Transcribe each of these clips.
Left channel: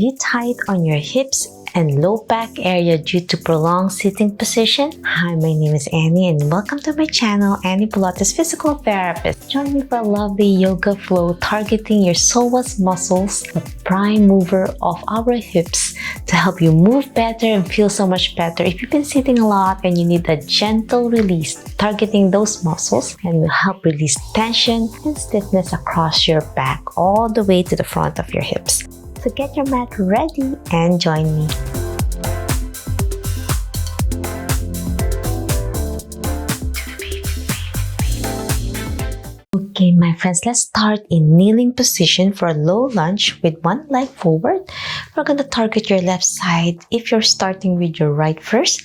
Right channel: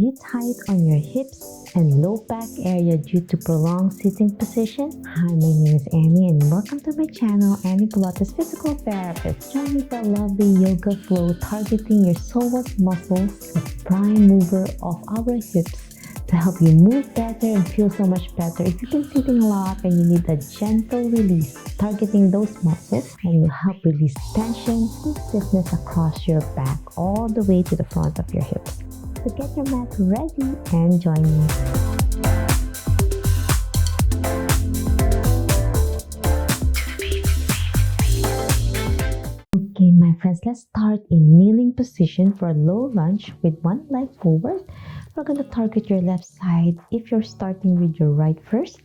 you tight on your hips and low back area due to prolonged sitting position? Hi, my name is Annie and welcome to my channel, Annie Pilates Physical Therapist. Join me for a lovely yoga flow targeting your psoas muscles, the prime mover of our hips, to help you move better and feel so much better. If you've been sitting a lot and you need a gentle release, targeting those muscles and will help release tension and stiffness across your back all the way to the front of your hips. So get your mat ready and join me. Okay, my friends, let's start in kneeling position for a low lunge with one leg forward. We're going to target your left side. If you're starting with your right first,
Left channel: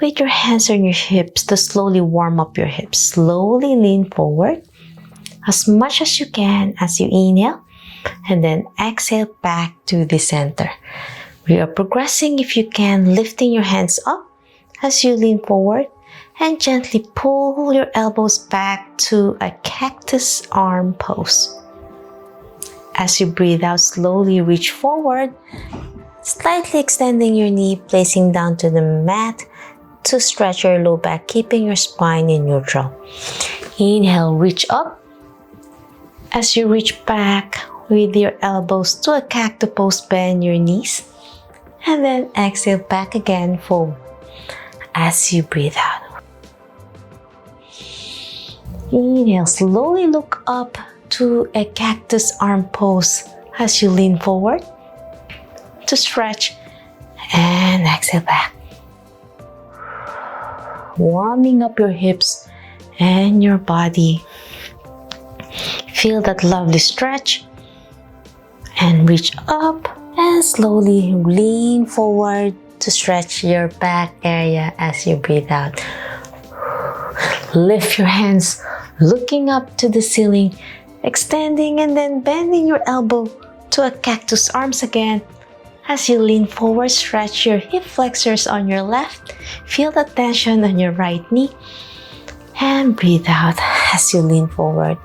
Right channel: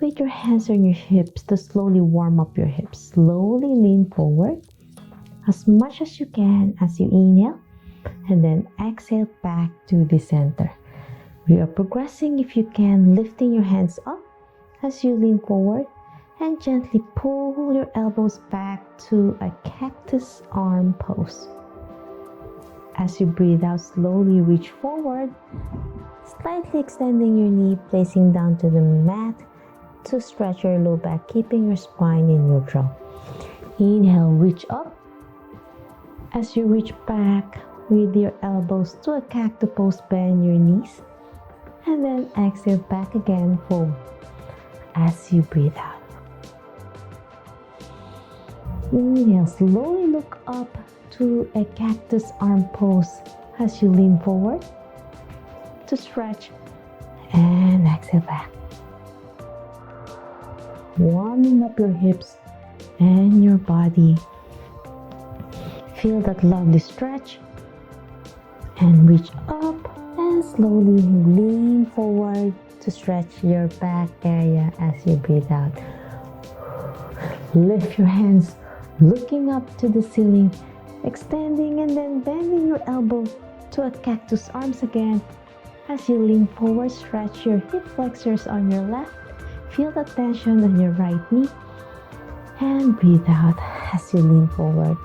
with your hands on your hips to slowly warm up your hips. Slowly lean forward as much as you can as you inhale. And then exhale back to the center. We are progressing, if you can, lifting your hands up as you lean forward and gently pull your elbows back to a cactus arm pose. As you breathe out, slowly reach forward, slightly extending your knee, placing down to the mat to stretch your low back, keeping your spine in neutral. Inhale, reach up. As you reach back, with your elbows to a cactus pose, bend your knees. And then exhale back again forward as you breathe out. Inhale, slowly look up to a cactus arm pose as you lean forward to stretch and exhale back. Warming up your hips and your body. Feel that lovely stretch. And reach up and slowly lean forward to stretch your back area as you breathe out. Lift your hands, looking up to the ceiling, extending and then bending your elbow to a cactus arms again. As you lean forward, stretch your hip flexors on your left. Feel the tension on your right knee. And breathe out as you lean forward.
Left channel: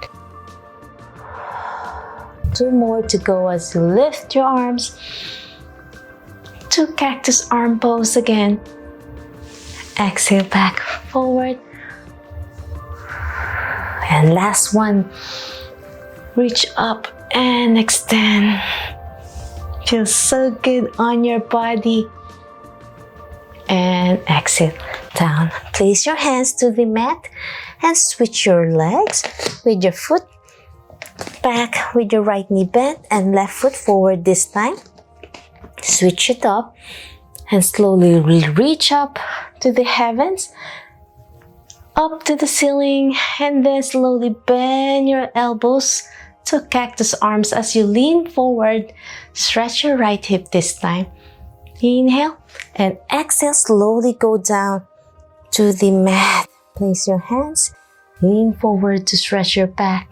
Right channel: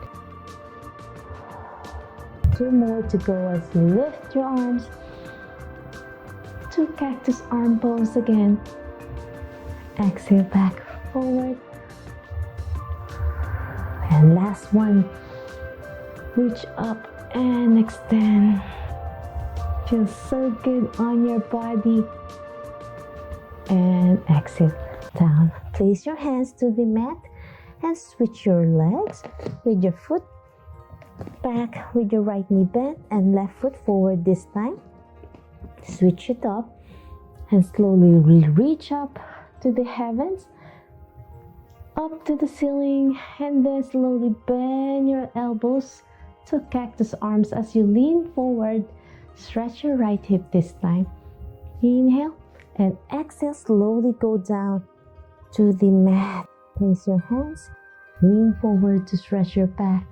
2 more to go as you lift your arms to cactus arm pose again. Exhale back forward. And last one. Reach up and extend. Feels so good on your body. And exhale down. Place your hands to the mat and switch your legs with your foot back with your right knee bent and left foot forward this time. Switch it up and slowly reach up to the heavens, up to the ceiling, and then slowly bend your elbows to cactus arms as you lean forward. Stretch your right hip this time. Inhale and exhale, slowly go down to the mat. Place your hands, lean forward to stretch your back.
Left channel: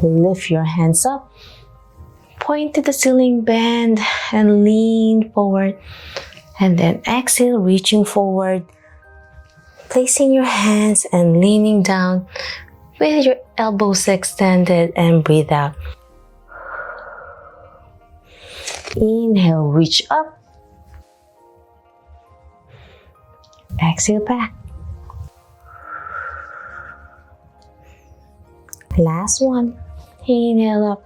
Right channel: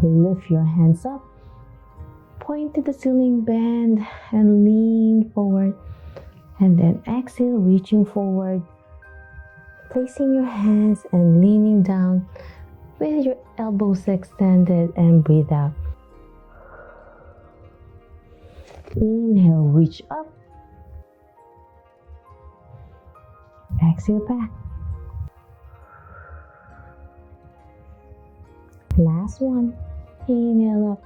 Lift your hands up, point to the ceiling, bend and lean forward. And then exhale, reaching forward, placing your hands and leaning down with your elbows extended and breathe out. Inhale, reach up. Exhale back. Last one. Inhale up.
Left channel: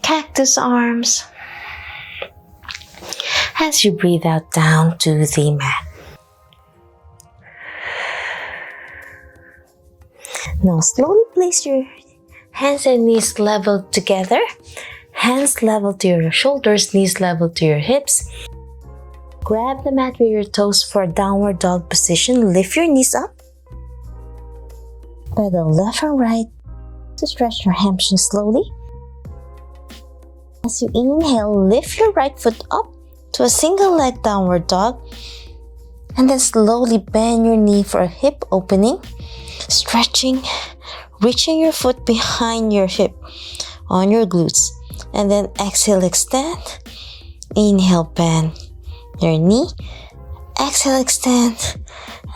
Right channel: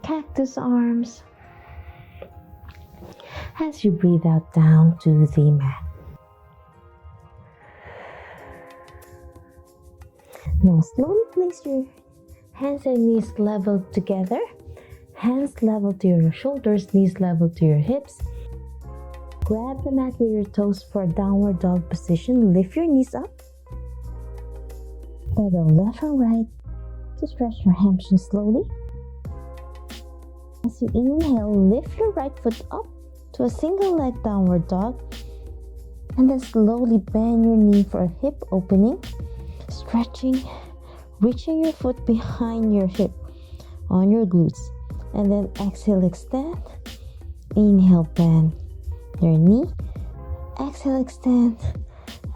Cactus arms. As you breathe out down to the mat. Now slowly place your hands and knees level together. Hands level to your shoulders, knees level to your hips. Grab the mat with your toes for downward dog position. Lift your knees up. Pedal left and right to stretch your hamstrings slowly. As you inhale, lift your right foot up to a single leg downward dog. And then slowly bend your knee for a hip opening. Stretching, reaching your foot behind your hip on your glutes. And then exhale, extend. Inhale, bend your knee. Exhale, extend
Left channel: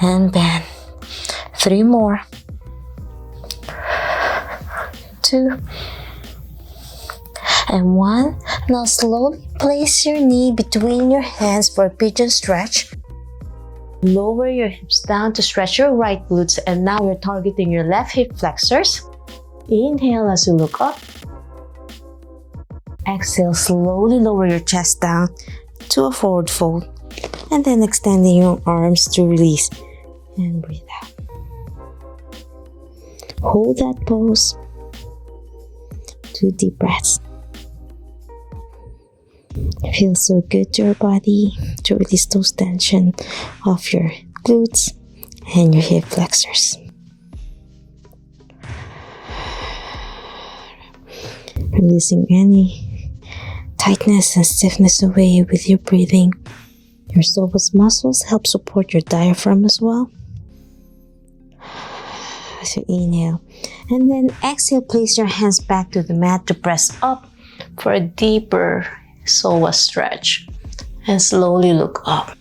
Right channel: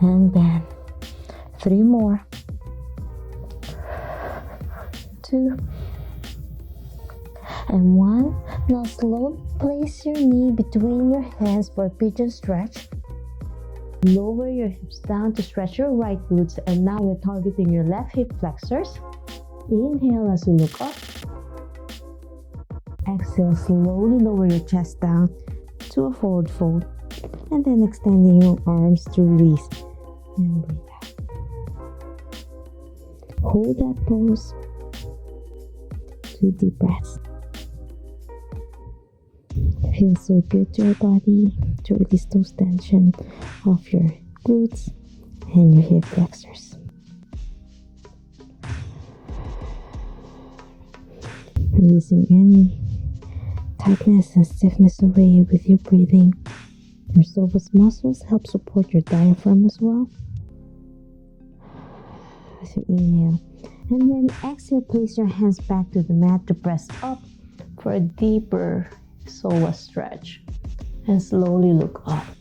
and bend. 3 more. 2 and 1. Now slowly place your knee between your hands for a pigeon stretch. Lower your hips down to stretch your right glutes, and now you're targeting your left hip flexors. Inhale as you look up. Exhale, slowly lower your chest down to a forward fold, and then extending your arms to release and breathe out. Hold that pose. 2 deep breaths. It feels so good to your body to release those tension of your glutes and your hip flexors. Releasing any tightness and stiffness away with your breathing. Your psoas muscles help support your diaphragm as well. As you inhale, and then exhale, place your hands back to the mat to press up for a deeper psoas stretch, and slowly look up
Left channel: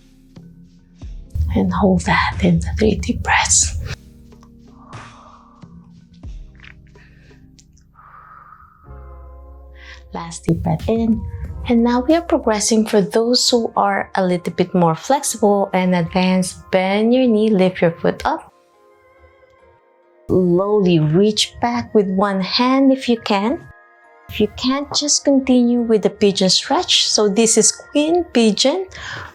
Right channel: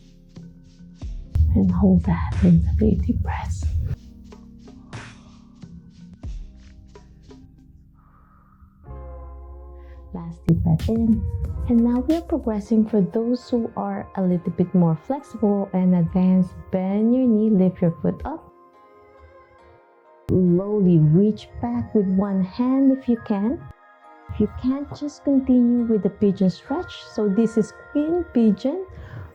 and hold that in the 3 deep breaths. Last deep breath in, and now we are progressing. For those who are a little bit more flexible and advanced, bend your knee, lift your foot up. Slowly reach back with one hand if you can. If you can't, just continue with the pigeon stretch. So this is Queen Pigeon,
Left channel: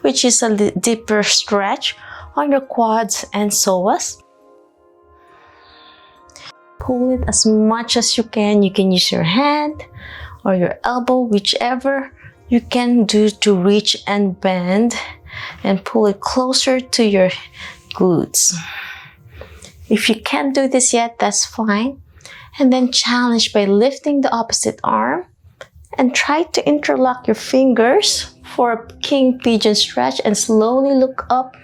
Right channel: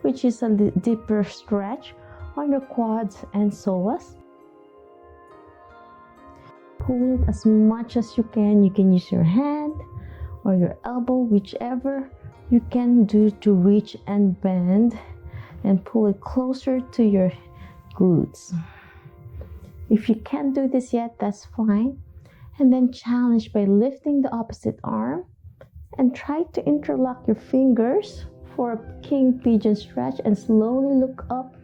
which is a deeper stretch on your quads and psoas. Pull it as much as you can. You can use your hand or your elbow, whichever you can do to reach and bend and pull it closer to your glutes. If you can't do this yet, that's fine. And then challenge by lifting the opposite arm and try to interlock your fingers for a King Pigeon stretch, and slowly look up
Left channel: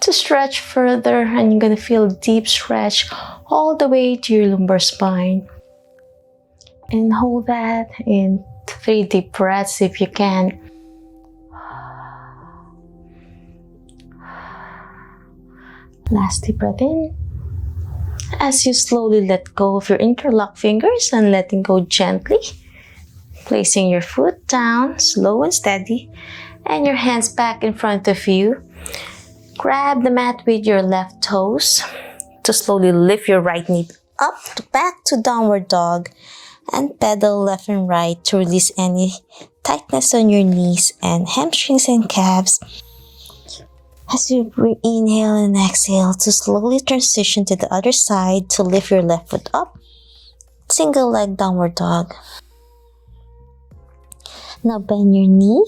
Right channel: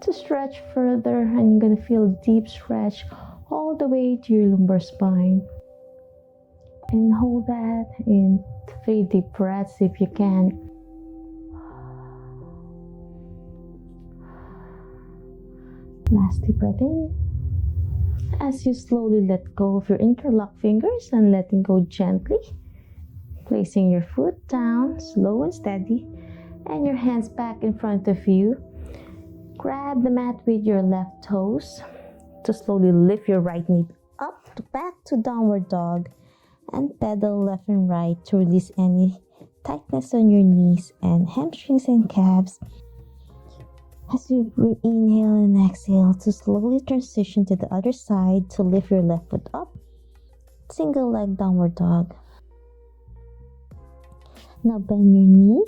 to stretch further, and you're going to feel a deep stretch all the way to your lumbar spine. And hold that in 3 deep breaths if you can. Last deep breath in. As you slowly let go of your interlocked fingers and letting go gently, placing your foot down, slow and steady, and your hands back in front of you. Grab the mat with your left toes to slowly lift your right knee up to back to downward dog, and pedal left and right to release any tightness on your knees and hamstrings and calves. As you inhale and exhale, to slowly transition to the other side to lift your left foot up. Single leg downward dog. Now bend your knee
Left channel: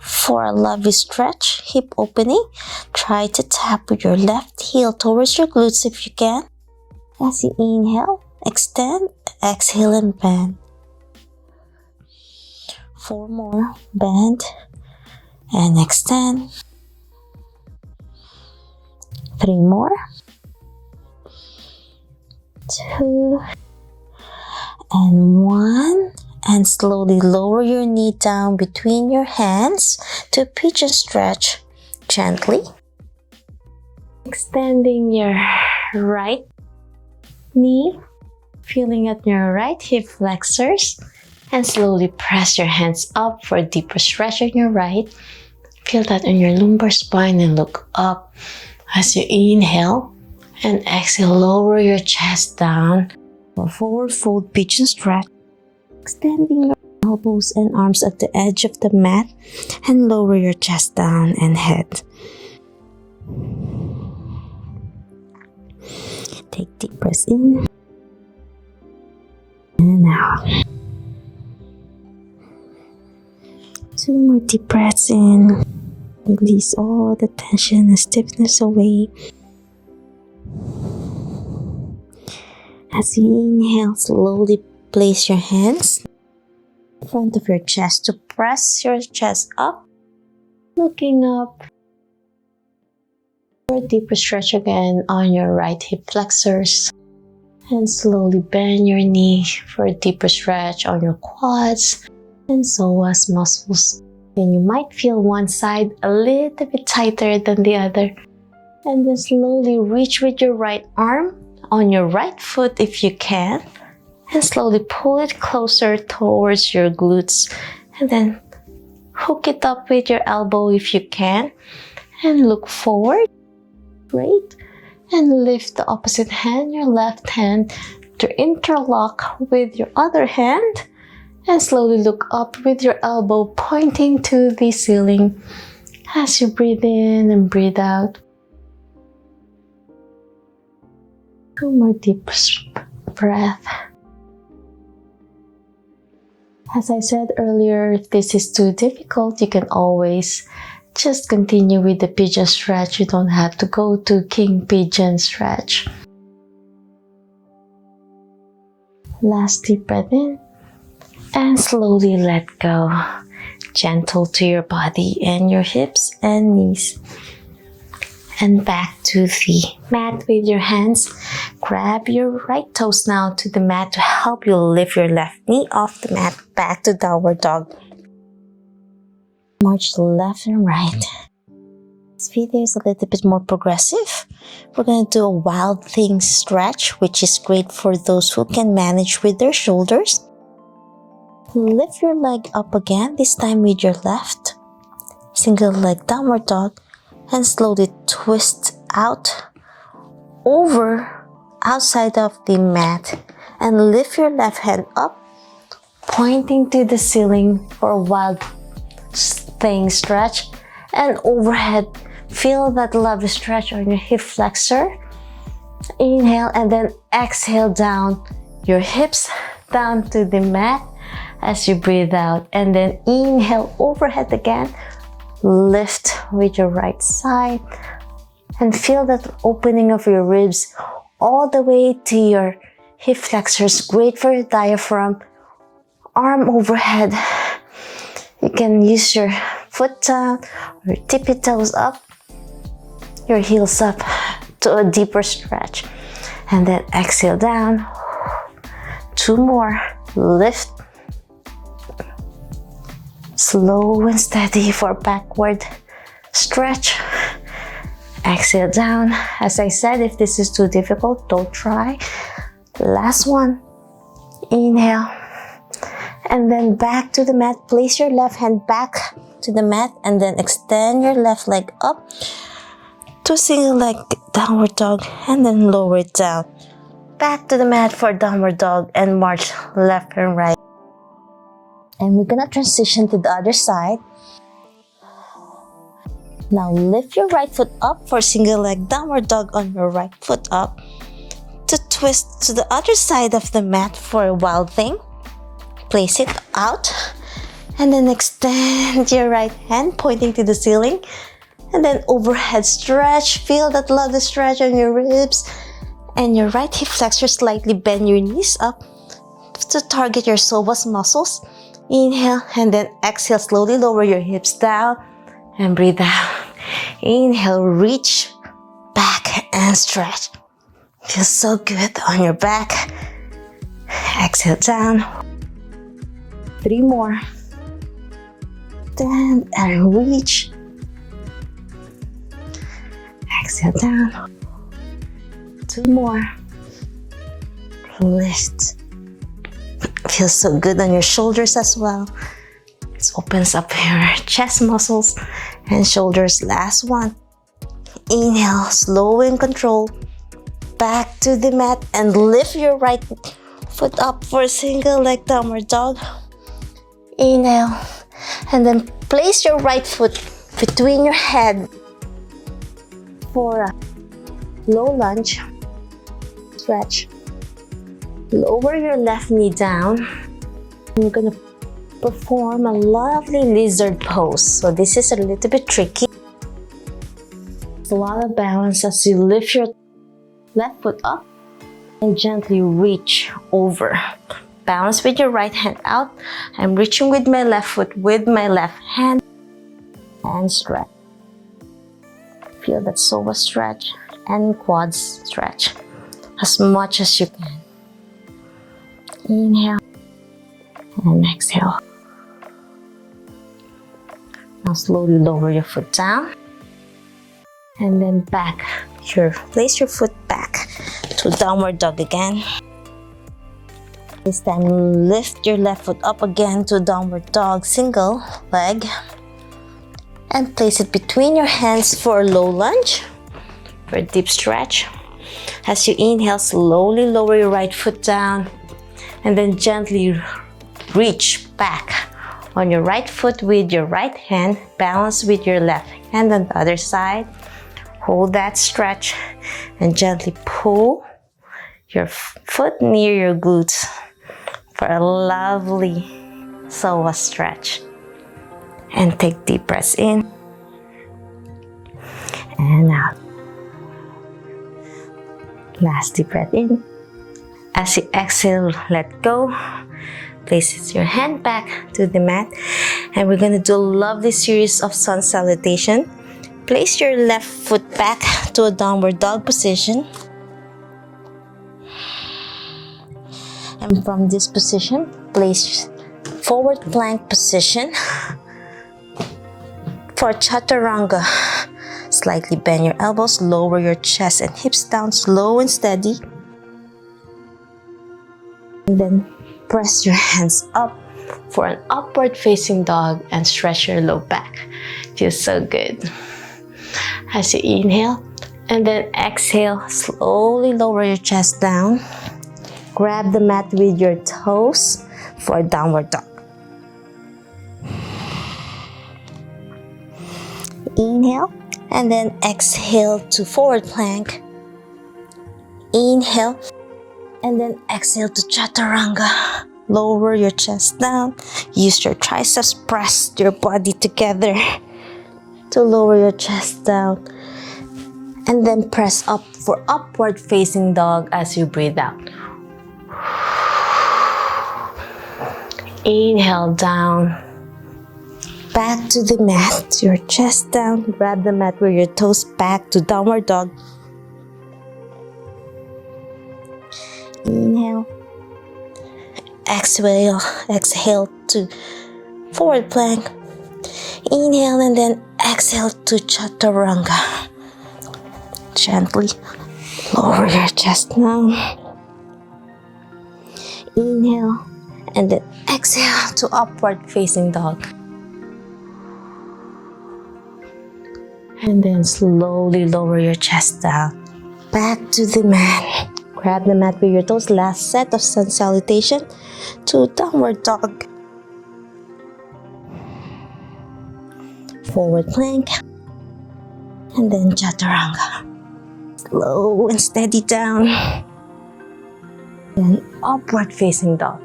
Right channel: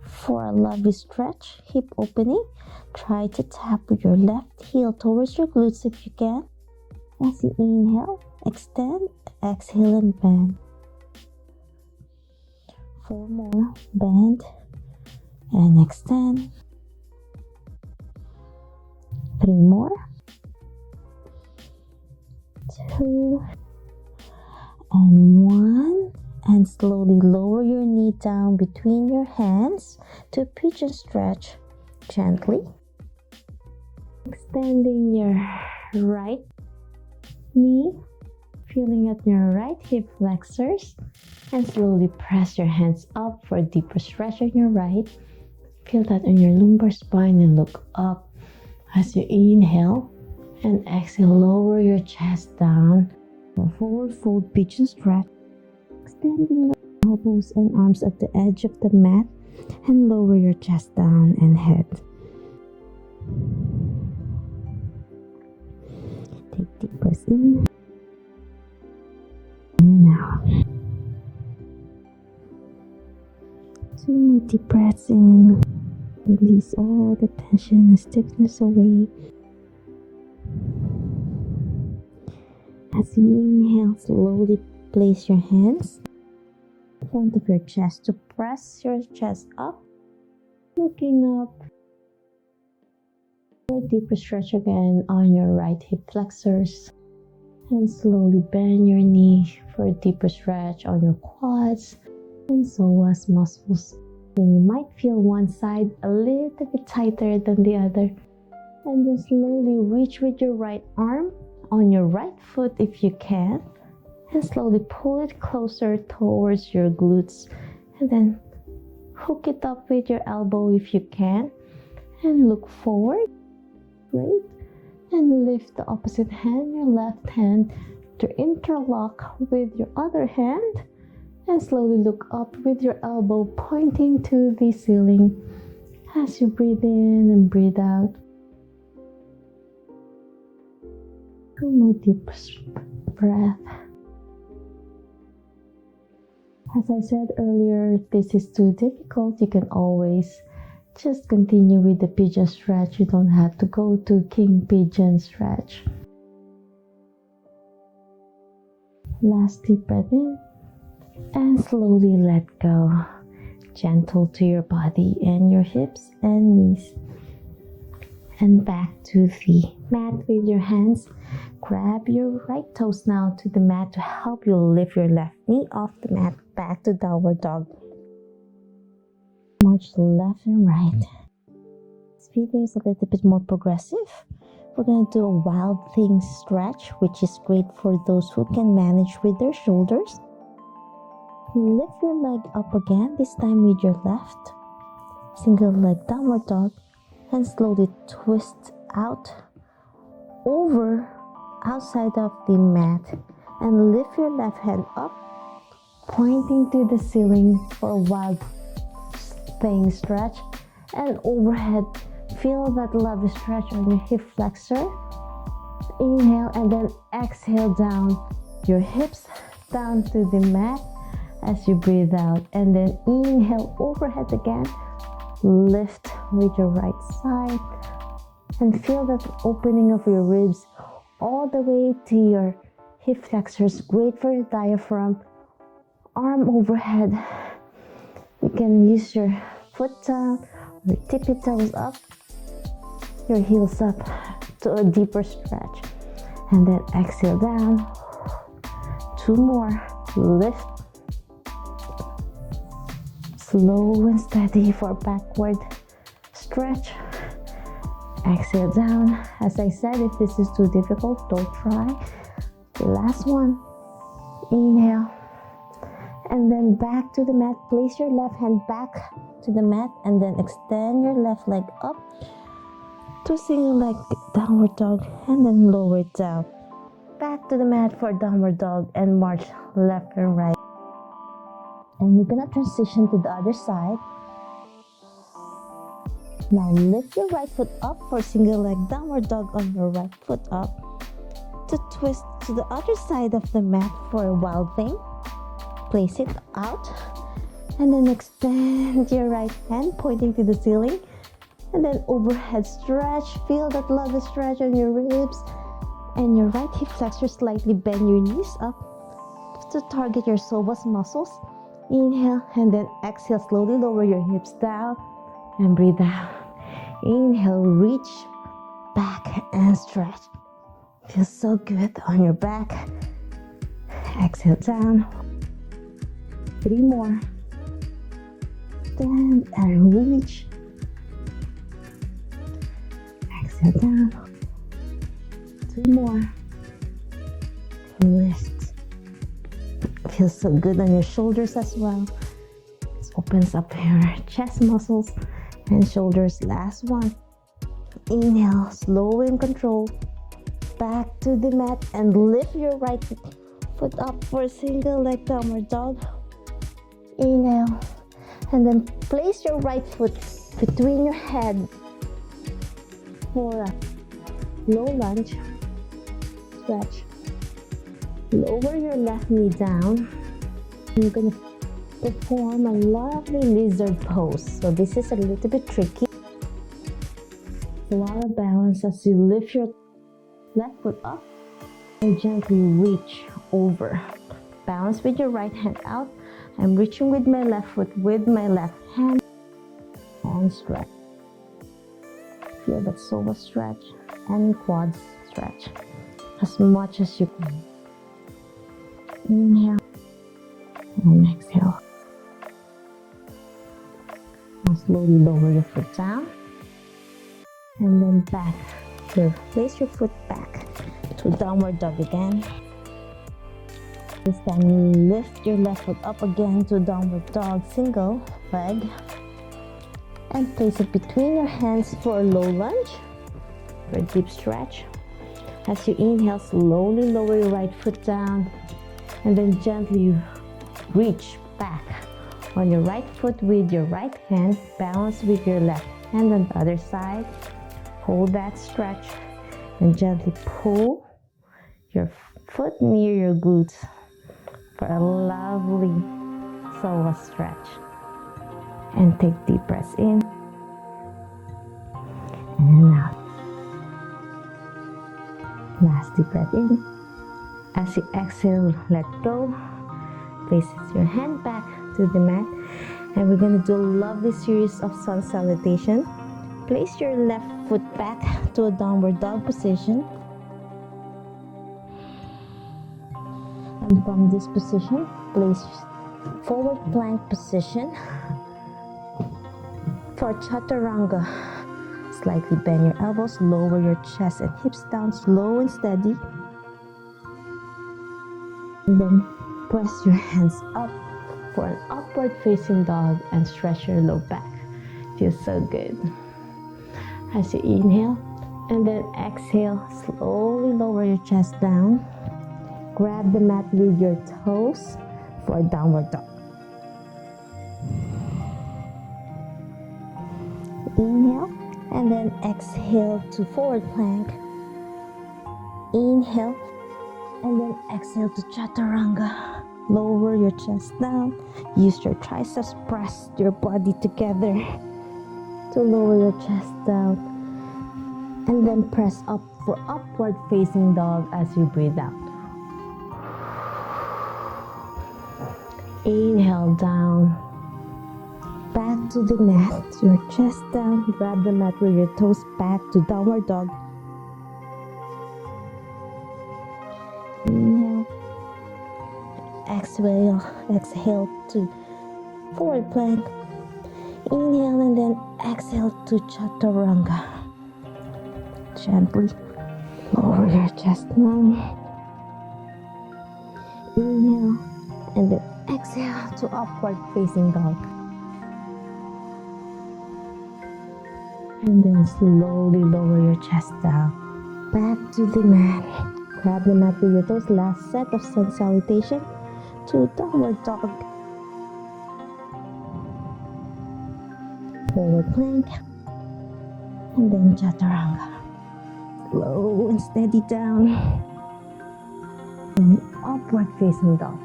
for a lovely stretch, hip opening. Try to tap with your left heel towards your glutes if you can. As you inhale, extend, exhale and bend. 4 more, bend and extend. 3 more. 2 and 1. And slowly lower your knee down between your hands to pigeon stretch gently. Extending your right knee, feeling at your right hip flexors, and slowly press your hands up for a deeper stretch on your right. Feel that on your lumbar spine and look up as you inhale, and exhale, lower your chest down for forward fold pigeon stretch. Extending your elbows and arms at the edge of the mat, and lower your chest down and head. Take deep breaths in and out. 2 more deep breaths in. Release all the tension and stiffness away. As you inhale, slowly place your hands in front of your chest to press your chest up, looking up for a deeper stretch again on your right hip flexors, and slowly bend your knee for a deeper stretch on your quads and psoas muscles. And you might feel one side a little bit tighter than the other, and then slowly reach with your right arm on your right foot if you can, And slowly pull it closer towards your glutes. And then hook it up with your elbow if you can. And look forward. Great. And lift the opposite hand, your left hand, to interlock with your other hand. And slowly look up with your elbow pointing to the ceiling as you breathe in and breathe out. 2 more deep breath. As I said earlier, if this is too difficult, you can always just continue with the pigeon stretch. You don't have to go to king pigeon stretch. Last deep breath in and slowly let go. Gentle to your body and your hips and knees. And back to the mat with your hands. Grab your right toes now to the mat to help you lift your left knee off the mat. Back to downward dog. March left and right. This video is a little bit more progressive. We're going to do a wild thing stretch, which is great for those who can manage with their shoulders. Lift your leg up again, this time with your left. Single leg downward dog. And slowly twist out over outside of the mat. And lift your left hand up, pointing to the ceiling for a wild thing stretch. And overhead, feel that lovely stretch on your hip flexor. Inhale and then exhale down your hips down to the mat as you breathe out. And then inhale overhead again. Lift with your right side and feel that opening of your ribs all the way to your hip flexors. Great for your diaphragm. Arm overhead. You can use your foot down or tippy toes up, your heels up to a deeper stretch. And then exhale down. 2 more. Lift. Slow and steady for backward stretch. Exhale down. As I said, if this is too difficult, don't try. Last one. Inhale. And then back to the mat. Place your left hand back to the mat and then extend your left leg up to single leg downward dog and then lower it down. Back to the mat for downward dog and march left and right. And we're gonna transition to the other side. Now lift your right foot up for single leg downward dog on your right foot up. To twist to the other side of the mat for a wild thing. Place it out. And then extend your right hand pointing to the ceiling. And then overhead stretch. Feel that lovely stretch on your ribs. And your right hip flexor, slightly bend your knees up to target your psoas muscles. Inhale and then exhale, slowly lower your hips down and breathe out. Inhale, reach back and stretch. Feels so good on your back. Exhale down. 3 more. Stand and reach. Exhale down. 2 more. Lift. Feels so good on your shoulders as well. It opens up your chest muscles and shoulders. Last one. Inhale, slow and control. Back to the mat and lift your right foot up for a single leg downward dog. Inhale. And then place your right foot between your head for a low lunge. Stretch. Lower your left knee down. You're gonna perform a lovely lizard pose. So this is a little bit tricky. It's a lot of balance as you lift your left foot up and gently reach over. Balance with your right hand out. I'm reaching with my left foot with my left hand and stretch. Feel that psoas stretch and quads stretch as much as you can. Inhale and exhale. Now slowly lower your foot down and then back. Place your foot back to downward dog again. This time, lift your left foot up again to downward dog, single leg. And place it between your hands for a low lunge, for a deep stretch. As you inhale, slowly lower your right foot down. And then gently reach back on your right foot with your right hand. Balance with your left hand on the other side. Hold that stretch and gently pull your foot near your glutes for a lovely psoas stretch. And take deep breaths in and out. Last deep breath in. As you exhale, let go. Place your hand back to the mat. And we're going to do a lovely series of sun salutation. Place your left foot back to a downward dog position. And from this position, place forward plank position. For chaturanga, slightly bend your elbows, lower your chest and hips down, slow and steady. And then press your hands up for an upward facing dog and stretch your low back. Feels so good. As you inhale and then exhale, slowly lower your chest down. Grab the mat with your toes for a downward dog. Inhale and then exhale to forward plank. Inhale and then exhale to chaturanga. Lower your chest down. Use your triceps, press your body together to lower your chest down. And then press up for upward facing dog as you breathe out. Inhale down. Back to the mat, your chest down, grab the mat with your toes back to downward dog. Inhale. Exhale to forward plank. Inhale and then exhale to chaturanga. Gently lower your chest down. Inhale and then exhale to upward facing dog. And then slowly lower your chest down. Back to the mat. Grab the mat with your toes. Last set of sun salutation to downward dog. Forward plank. And then chaturanga. Slow and steady down. Then upward facing dog.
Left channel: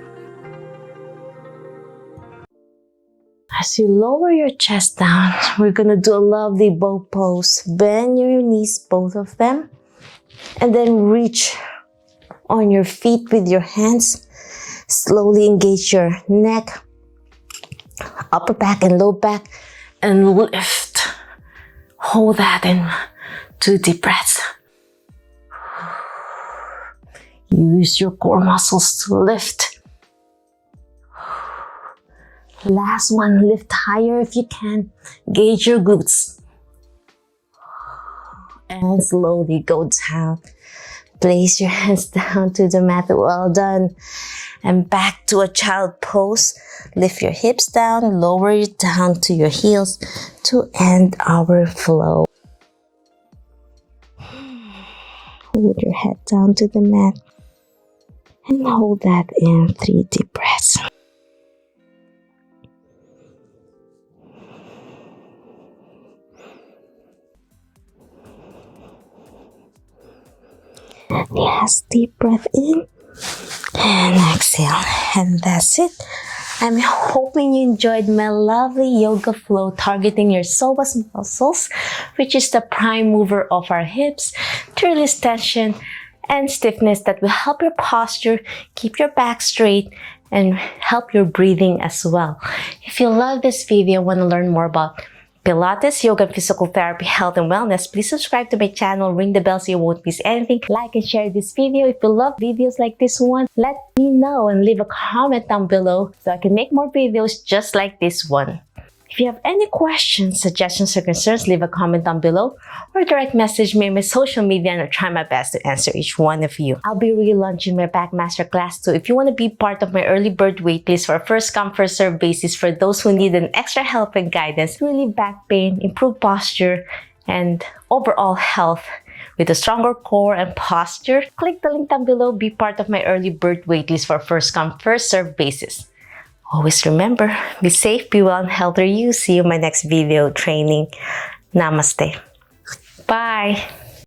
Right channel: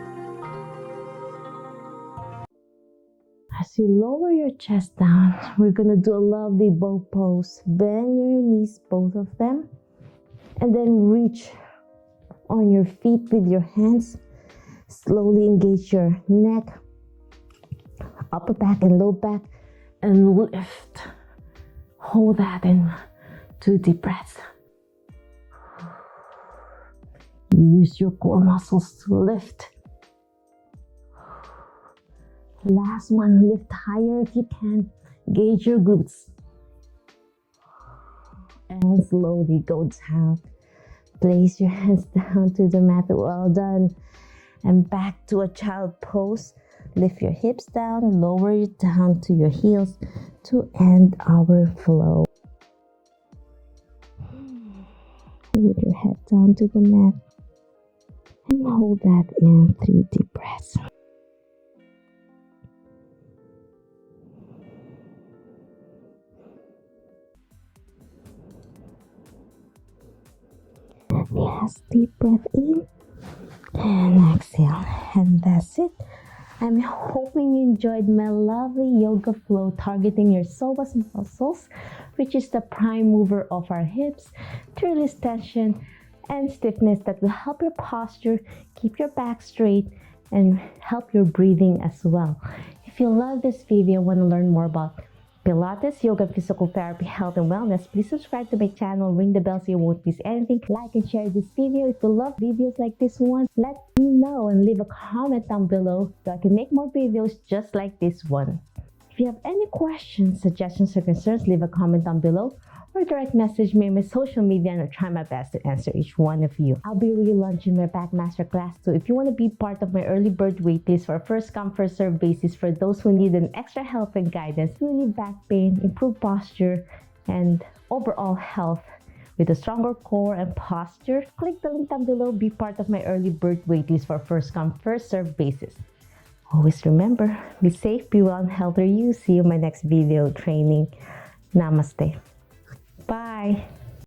As you lower your chest down, we're gonna do a lovely bow pose. Bend your knees, both of them. And then reach on your feet with your hands. Slowly engage your neck, upper back and low back. And lift. Hold that in 2 deep breaths. Use your core muscles to lift. Last one, lift higher if you can. Gauge your glutes. And slowly go down. Place your hands down to the mat. Well done. And back to a child pose. Lift your hips down, lower it down to your heels to end our flow. Hold your head down to the mat. And hold that in 3 deep breaths. Last deep breath in and exhale, and that's it. I'm hoping you enjoyed my lovely yoga flow targeting your psoas muscles, which is the prime mover of our hips, to release tension and stiffness that will help your posture, keep your back straight, and help your breathing as well. If you love this video and want to learn more about Pilates, yoga, and physical therapy, health, and wellness, please subscribe to my channel, ring the bell so you won't miss anything. Like and share this video. If you love videos like this one, let me know and leave a comment down below so I can make more videos just like this one. If If you have any questions, suggestions, or concerns, leave a comment down below or direct message me on my social media and I'll try my best to answer each one of you. I'll be relaunching my back masterclass too. If you want to be part of my early bird waitlist for a first come first serve basis for those who need an extra help and guidance, relieve back pain, improve posture, and overall health with a stronger core and posture, click the link down below. Be part of my early bird waitlist for a first come first serve basis. Always remember, be safe, be well, and healthy you. See you in my next video training. Namaste. Bye.